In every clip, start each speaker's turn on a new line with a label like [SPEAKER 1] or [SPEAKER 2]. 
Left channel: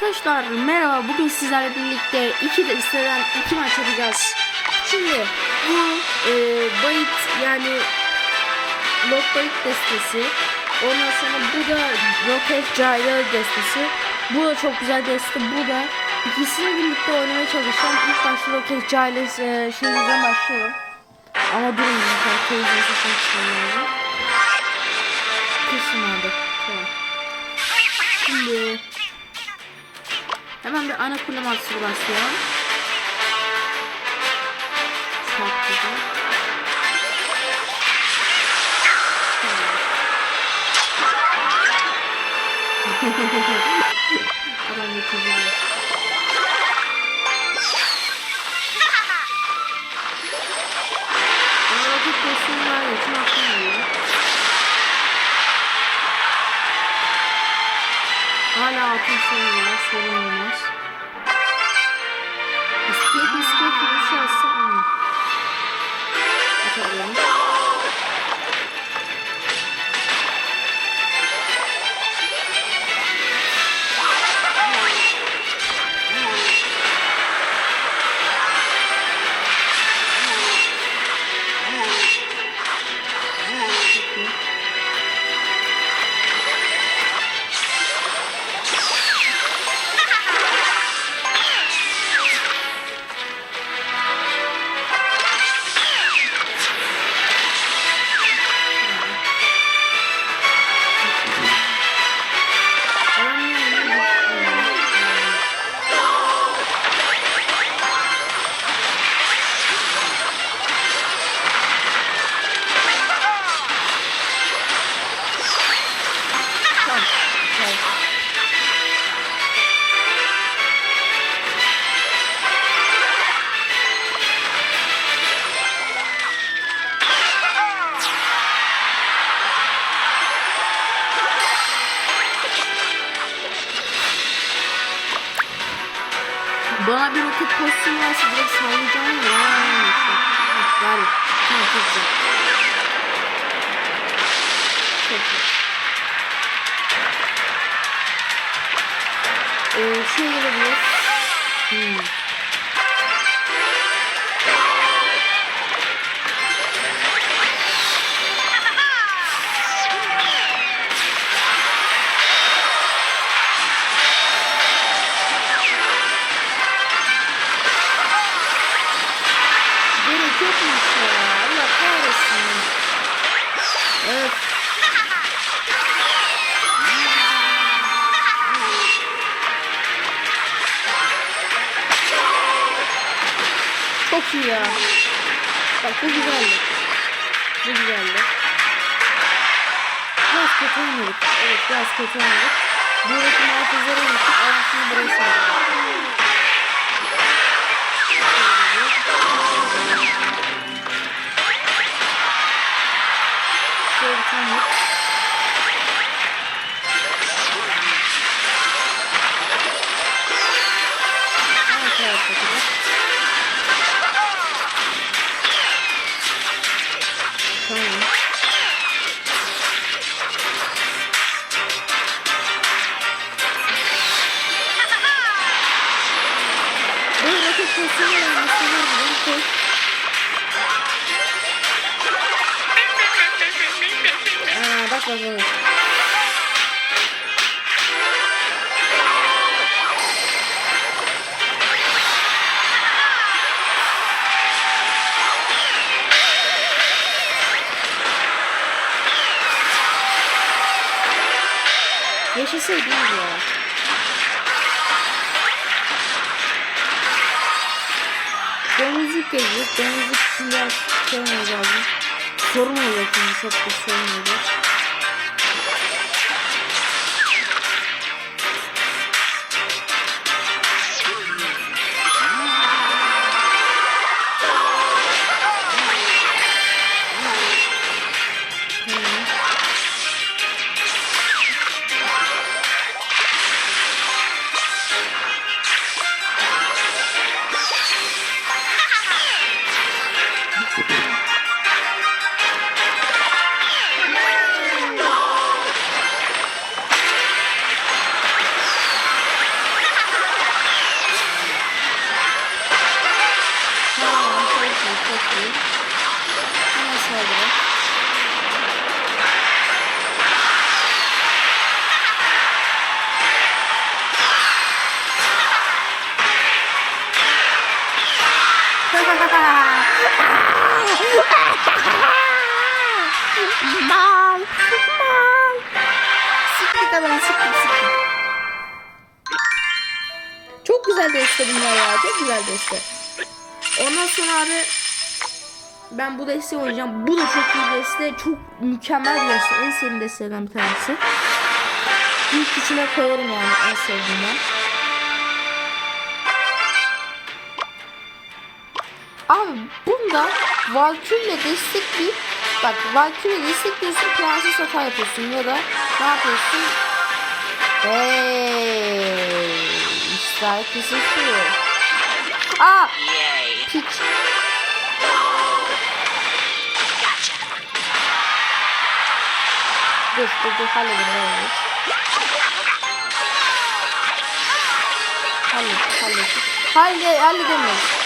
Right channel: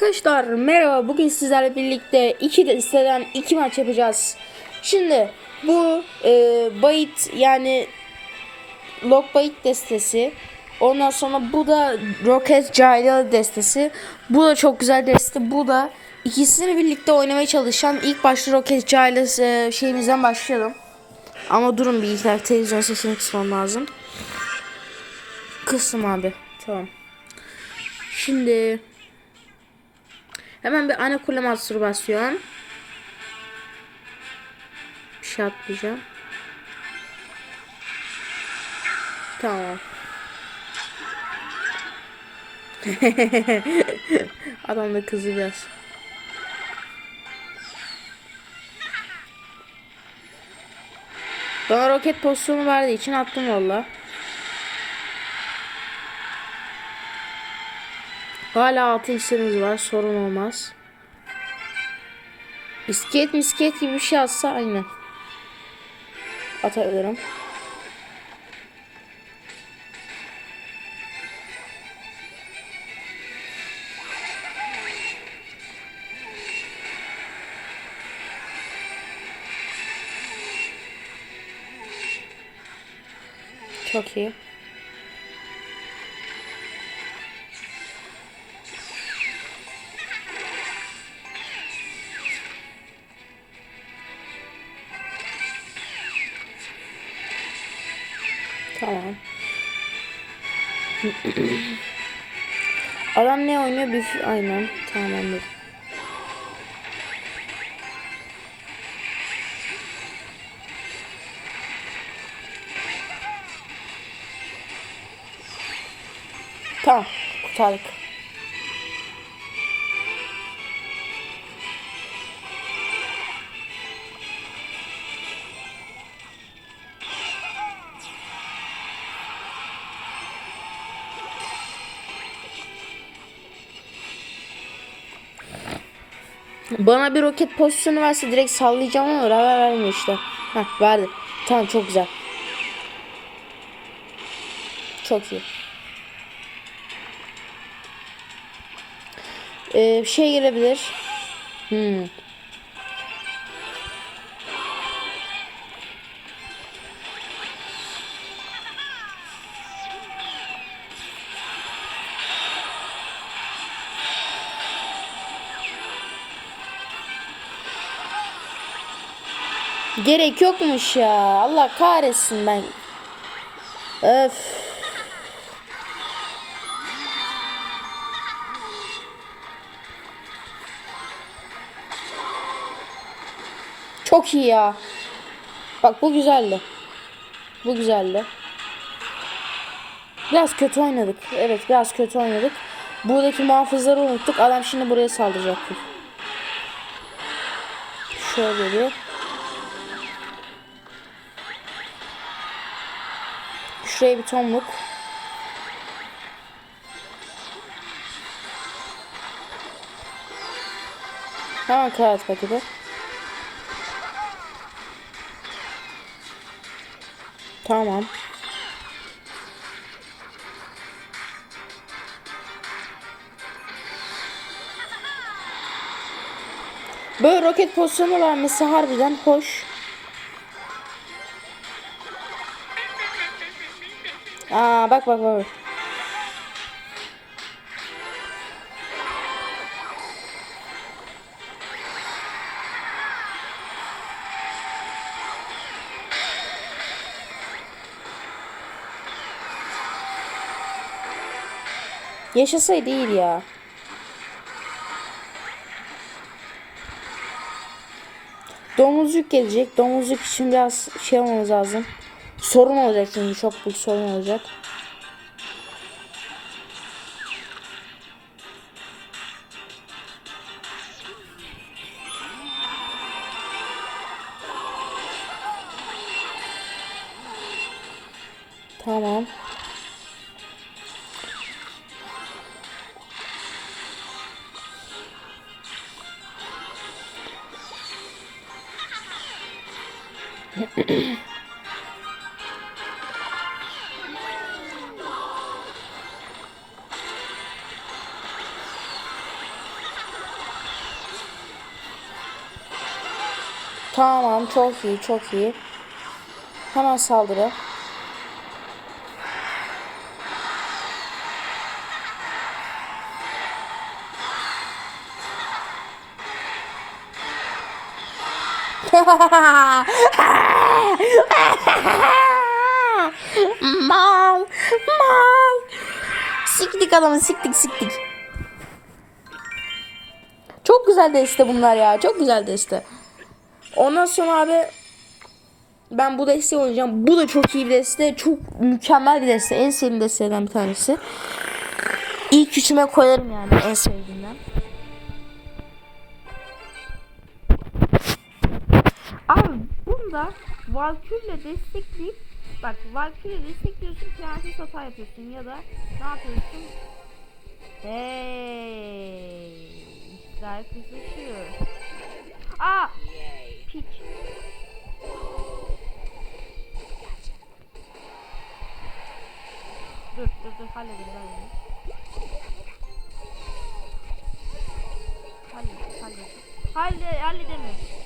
[SPEAKER 1] Arkadaşlar merhaba bugün sizlerle birlikte iki desteden iki maç yapacağız. Şimdi bu e, bayit yani Lock Bayit destesi. Ondan sonra bu da Rocket Gyro destesi. Bu da çok güzel deste. Bu da ikisini birlikte oynamaya çalışan ilk başta Rocket Gyro e, şeyimizden başlayalım. Ama durun dakika televizyon sesini kısmam lazım. Kısım abi. Tamam. Şimdi Hemen bir ana kule master basıyorum. Çok güzel. Tamam. Adam da kızıyor. Bana roket pozisyonu verdiği için attım valla. Hala altın sınır var sorun olmaz. Misket misket gibi bir şey atsa aynı. Atıyorum. Çok iyi. Adam ne oynuyor? Biz oynuyor. Tamam. Tamam. Tamam. Bana bir roket pozisyonu verse direkt sallayacağım ama raya vermiyor işte. Heh verdi. Tamam çok güzel. Çok iyi. Ee, şey gelebilir. Hmm. Gerek yokmuş ya. Allah kahretsin ben. Öf. Çok iyi ya. Bak bu güzeldi. Bu güzeldi. Biraz kötü oynadık. Evet biraz kötü oynadık. Buradaki muhafızları unuttuk. Adam şimdi buraya saldıracaktır. Şöyle geliyor. Şöyle bir tomruk. Tamam kağıt paketi. Tamam. Böyle roket pozisyonu vermesi harbiden hoş. Aa bak bak bak. Yaşasaydı iyi ya. Domuzluk gelecek. Domuzluk için biraz şey olmamız lazım. Sorun olacak şimdi çok büyük sorun olacak. Tamam çok iyi çok iyi. Hemen saldırı. Mal mal. Sıktık adamı sıktık sıktık çok güzel deste bunlar ya çok güzel deste. Ondan sonra abi ben bu desteği oynayacağım. Bu da çok iyi deste çok mükemmel bir deste. En sevdiğim destelerden bir tanesi. İlk içime koyarım yani en sevdiğimden bunda Valkyrie destekleyip bak Valkyrie destekliyorsun prenses hata yapıyorsun ya da ne yapıyorsun? Hey, işler kısışıyor. Aa, piç. Dur dur dur halledelim halledelim. Hallet hallet. Halle halledemiyoruz.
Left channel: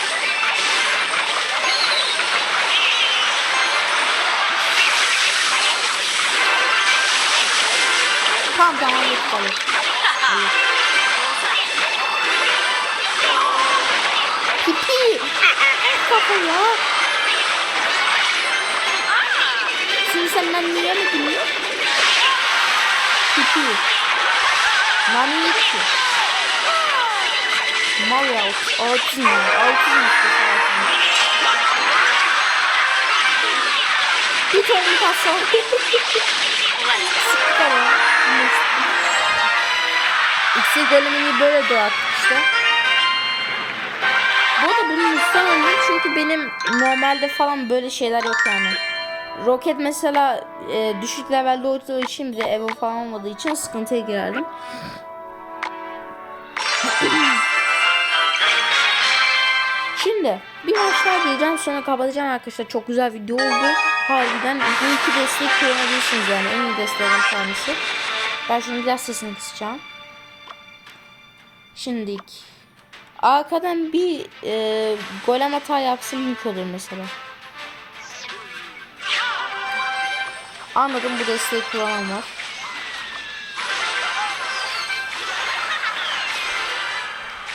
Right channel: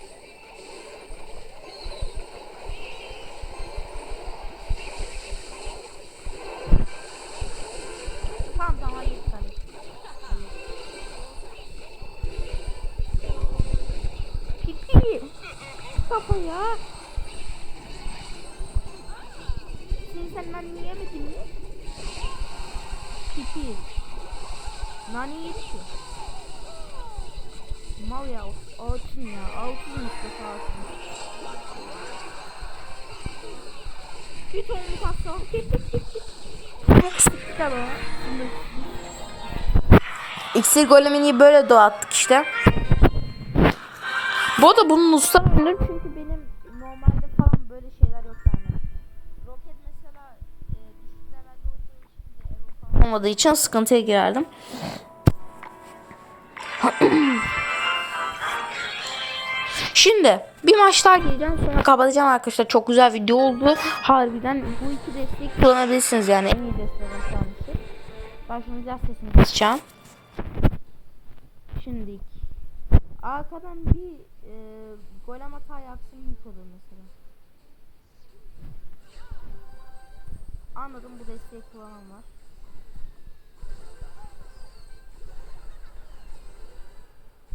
[SPEAKER 1] Tamam tamam hallettik. Pipi. Kafa ya. Şimdi sen ben niye mi biliyor? Pipi. Nani yetti. Mal ya. Altın. Altın işte altın. Bir tane Sıktık ama. İksir golemini böyle doğattık işte. Bu arada bunun muhtemelen çünkü benim normalde falan böyle şeyler yok yani. Roket mesela e, düşük levelde olduğu için bir de Evo falan olmadığı için sıkıntıya girerdim. Şimdi bir maç daha gireceğim sonra kapatacağım arkadaşlar. Çok güzel video oldu. Harbiden bu iki destek kullanabilirsiniz yani en iyi desteklerin tanesi. Ben şimdi biraz sesini kısacağım. Şimdilik arkadan bir e, golem hata yapsın mülk olur mesela. Anladım bu desteği kullanan var.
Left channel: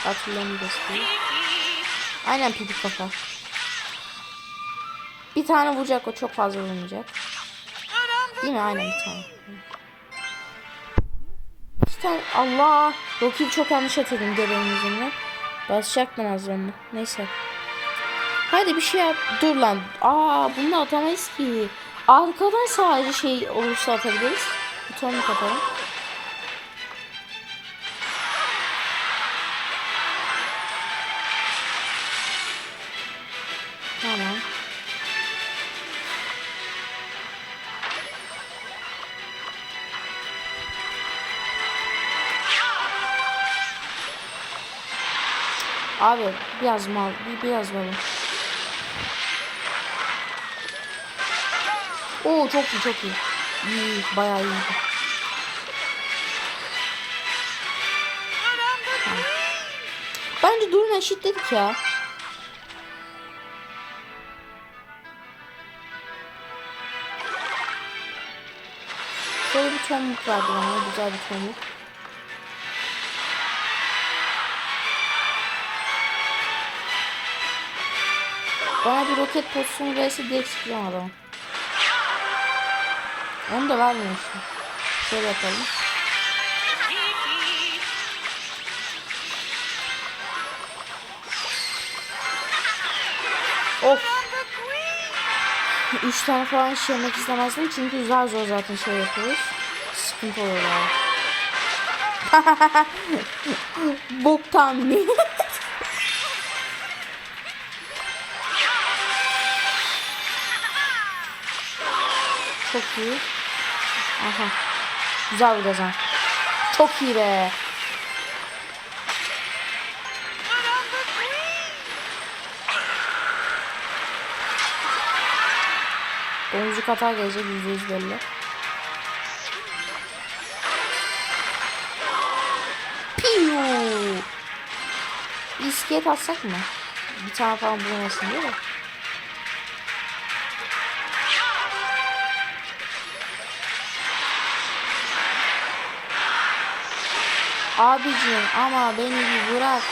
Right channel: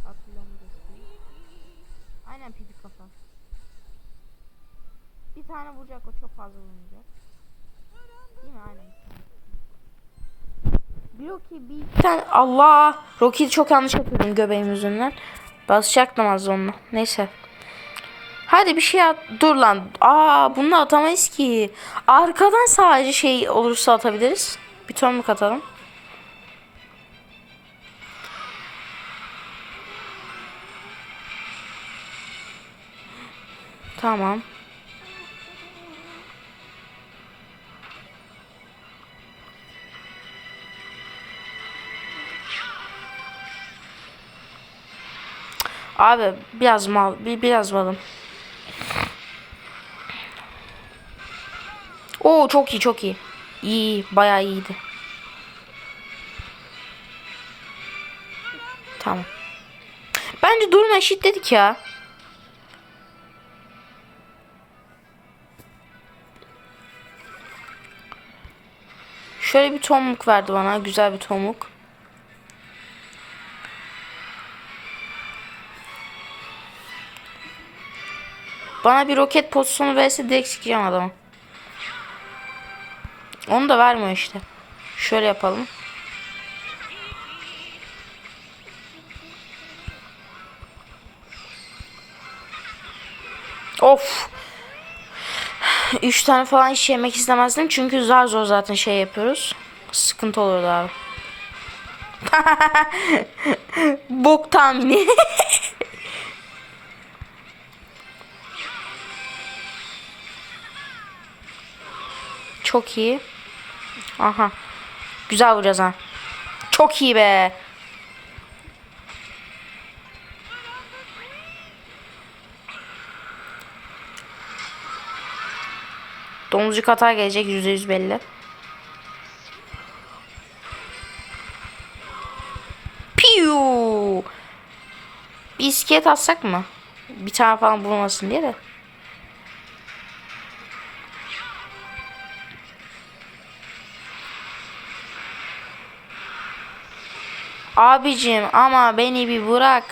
[SPEAKER 1] Hatırlıyorum bu desteği. Aynen pidi kafa. Bir tane vuracak o çok fazla vurmayacak. Değil mi? Aynen bir tane. Rocky bir iki tane Allah Rocky'yi çok yanlış atıyordum göbeğin yüzünden. Basacaktım az onunla. Neyse. Hadi bir şey yap. Dur lan. Aa bunu atamayız ki. Arkadan sadece şey olursa atabiliriz. Bir tonluk atalım. Tamam. Abi biraz mal, bir biraz malım. Oo çok iyi, çok iyi. İyi, bayağı iyiydi. Tamam. Bence durma eşitledik ya. Şöyle bir tomruk verdi bana. Güzel bir tomruk. Bana bir roket pozisyonu verse direkt sikeceğim adamı. Onu da vermiyor işte. Şöyle yapalım. 3 tane falan hiç yemek istemezdim. Çünkü zar zor zaten şey yapıyoruz. Sıkıntı olur abi. Bok tahmini. Çok iyi. Aha. Güzel vuracağız ha. Çok iyi be. Domuzcuk hata gelecek %100 belli. Piu. Bir iskelet atsak mı? Bir tane falan bulmasın diye de. Abicim ama beni bir bırak.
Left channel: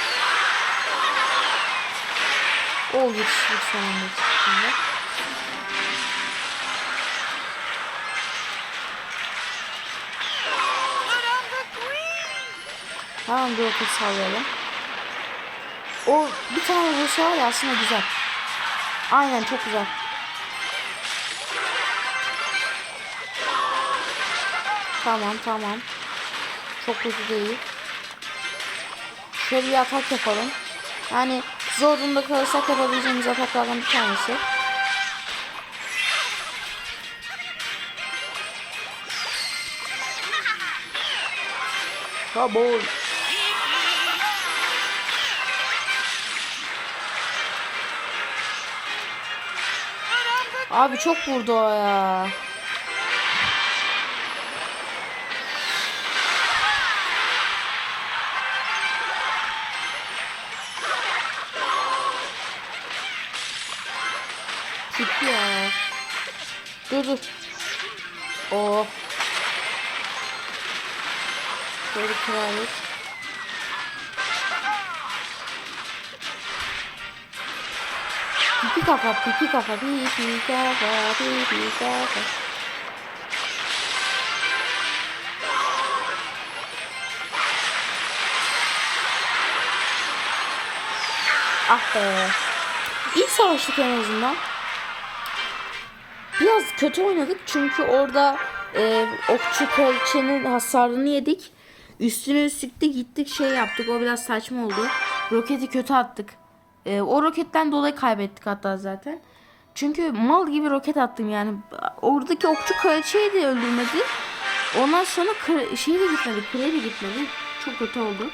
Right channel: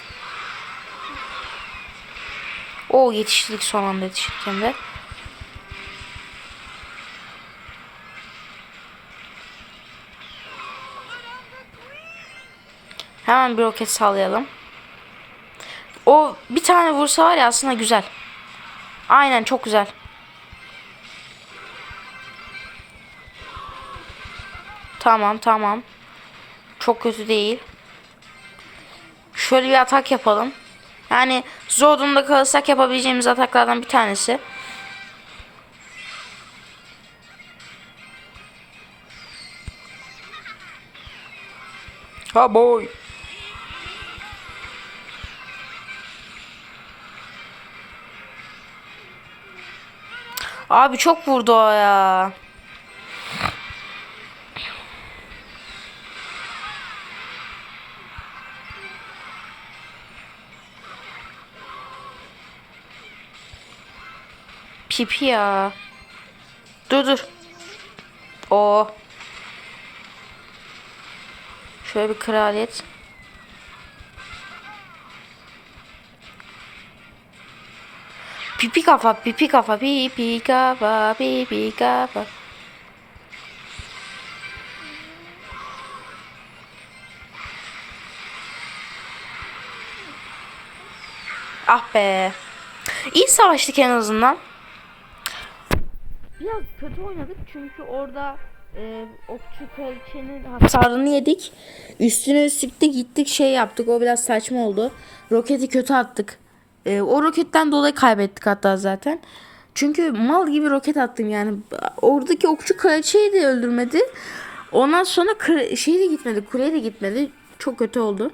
[SPEAKER 1] O yetiştik son anda yetiştik Hemen bir roket sağlayalım. O bir tane vursa var ya aslında güzel. Aynen çok güzel. Tamam tamam. Çok kötü değil. Şöyle bir atak yapalım. Yani zor durumda kalırsak yapabileceğimiz ataklardan bir tanesi. Ha Abi çok vurdu o ya. Pipi ya. Dur dur. O. Şöyle bir kraliyet. Pipi kafa, pipi kafa, pipi kafa, pipi kafa. Ah be. İyi savaştık en azından. Biraz kötü oynadık çünkü orada e, okçu kraliçenin hasarını yedik. Üstüne sıktık gittik şey yaptık o biraz saçma oldu. Roketi kötü attık. E, o roketten dolayı kaybettik hatta zaten. Çünkü mal gibi roket attım yani. Oradaki okçu kraliçeyi de öldürmedi. Ondan sonra şey de gitmedi. Kule de gitmedi. Çok kötü oldu.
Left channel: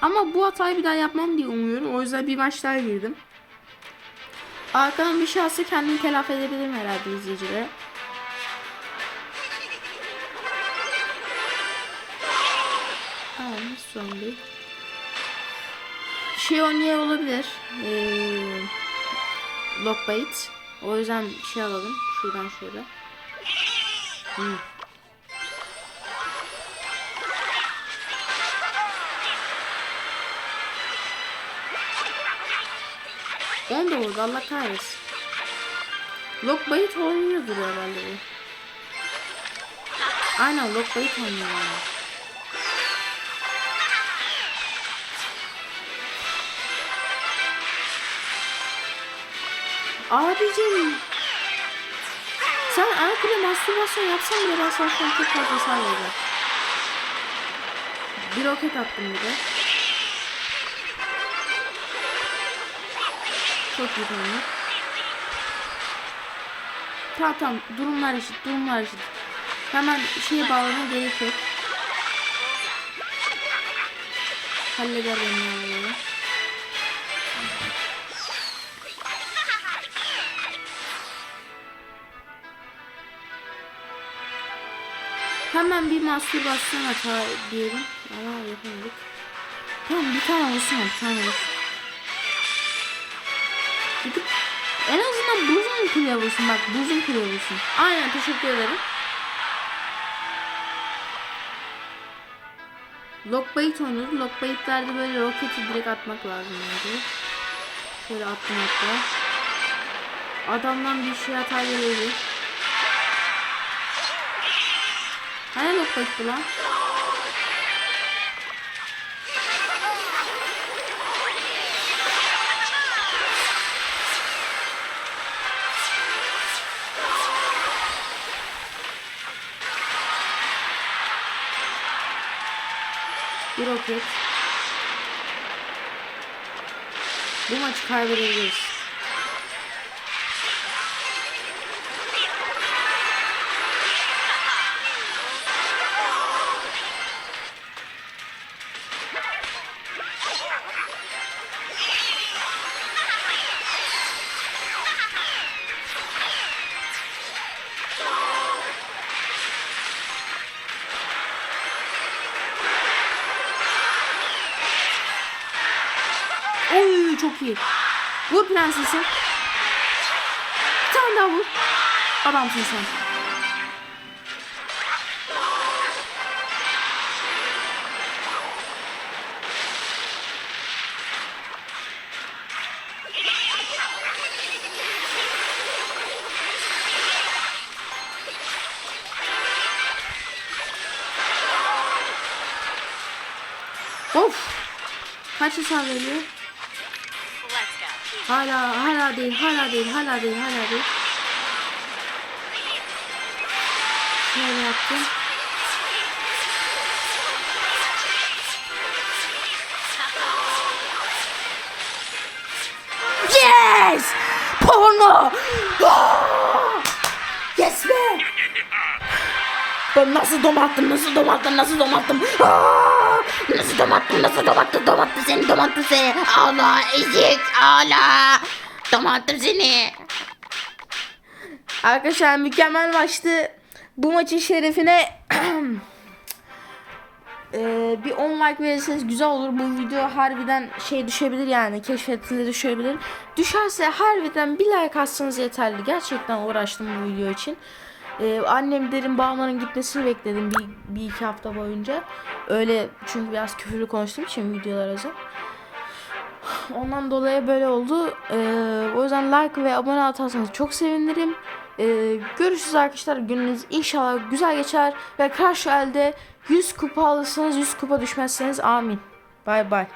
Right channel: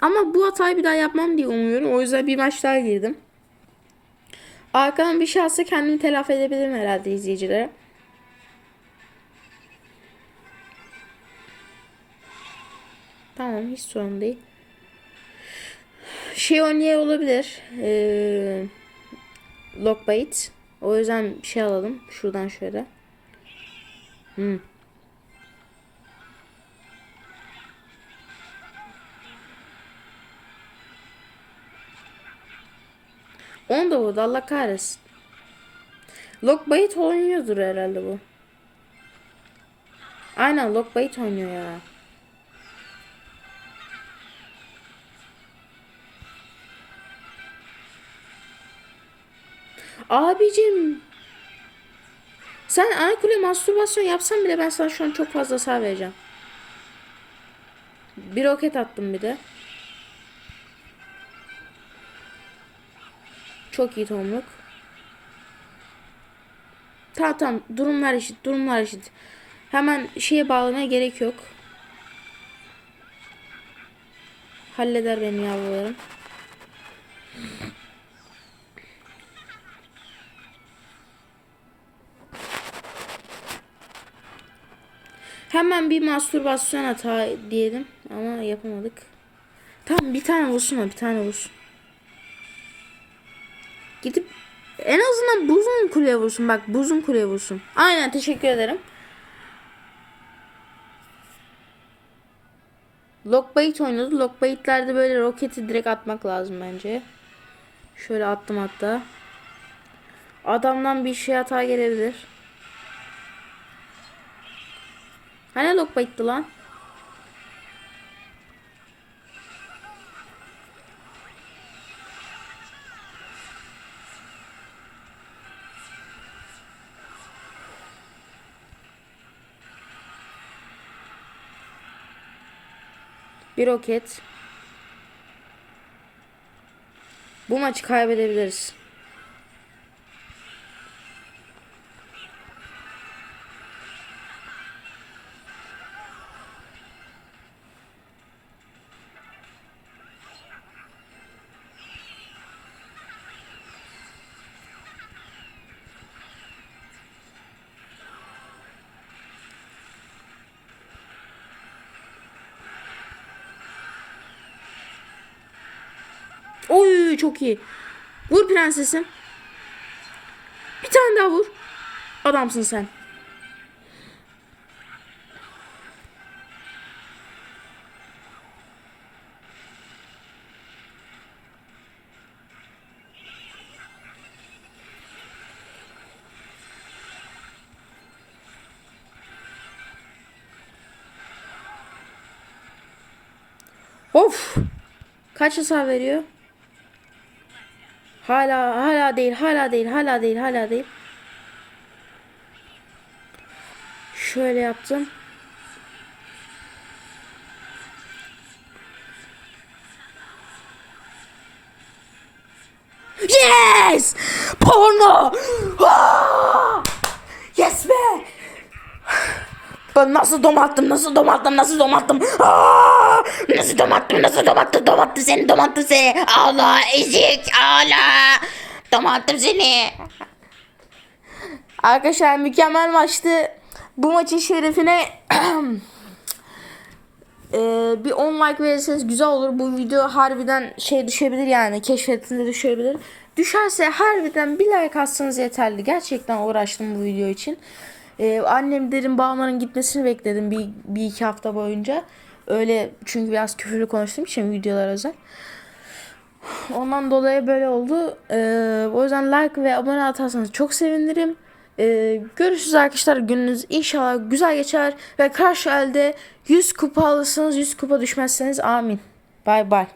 [SPEAKER 1] Ama bu hatayı bir daha yapmam diye umuyorum. O yüzden bir maç daha girdim. Arkadan bir alsa kendimi telafi edebilirim herhalde izleyicilere. Tamam hiç sorun değil. Şey oynaya olabilir. Ee, Lockbait. O yüzden şey alalım. Şuradan şöyle. Hmm. On da vurdu Allah kahretsin. Lockbait oynuyordur herhalde bu. Aynen Lockbait oynuyor Abicim. Sen ana kule mastürbasyon yapsan bile ben sana şu çok fazla vereceğim. Bir roket attım bir de. Çok iyi tanıdık. Tamam tamam durumlar eşit durumlar eşit. Hemen şeye bağlamaya gerek yok. Halleder beni yavrum. Hemen bir mastürbasyon hata diyelim ama yapamadık. Tamam bir tane vursun bir tane vursun. Gidip en azından buzun kuleye vursun bak buzun kuleye vursun. Aynen teşekkür ederim. Lockbait oynuyoruz. Lockbait'lerde böyle roketi direkt atmak lazım bence. Şöyle attım hatta. Adamdan bir şey hata gelebilir. Hani lockbait'ti lan? Bir roket. Bu maçı kaybedebiliriz. Çok iyi. Vur prensesim. Bir tane daha vur. Adamsın sen. Of. Kaç hasar veriyor? Hala hala değil, hala değil, hala değil, hala değil. Şöyle yaptım. Yes! Porno! Ah! Yes be! Ben nasıl domattım, nasıl domattım, nasıl domattım. Aa! Nasıl domattım, nasıl domattım, domattım seni, domattım seni. Allah ezik, Allah. Domattım seni. Arkadaşlar mükemmel maçtı. Bu maçın şerefine Ee, bir 10 like verirseniz güzel olur. Bu video harbiden şey düşebilir yani. Keşfetilir düşebilir. Düşerse harbiden bir like atsanız yeterli. Gerçekten uğraştım bu video için. Ee, annem dedim bağmanın gitmesini bekledim bir, bir iki hafta boyunca. Öyle çünkü biraz küfürlü konuştuğum için videolar özel. Ondan dolayı böyle oldu. Ee, o yüzden like ve abone atarsanız çok sevinirim. Ee, görüşürüz arkadaşlar. Gününüz inşallah güzel geçer. Ve karşı elde 100 kupa alırsınız 100 kupa düşmezseniz amin. Bay bay.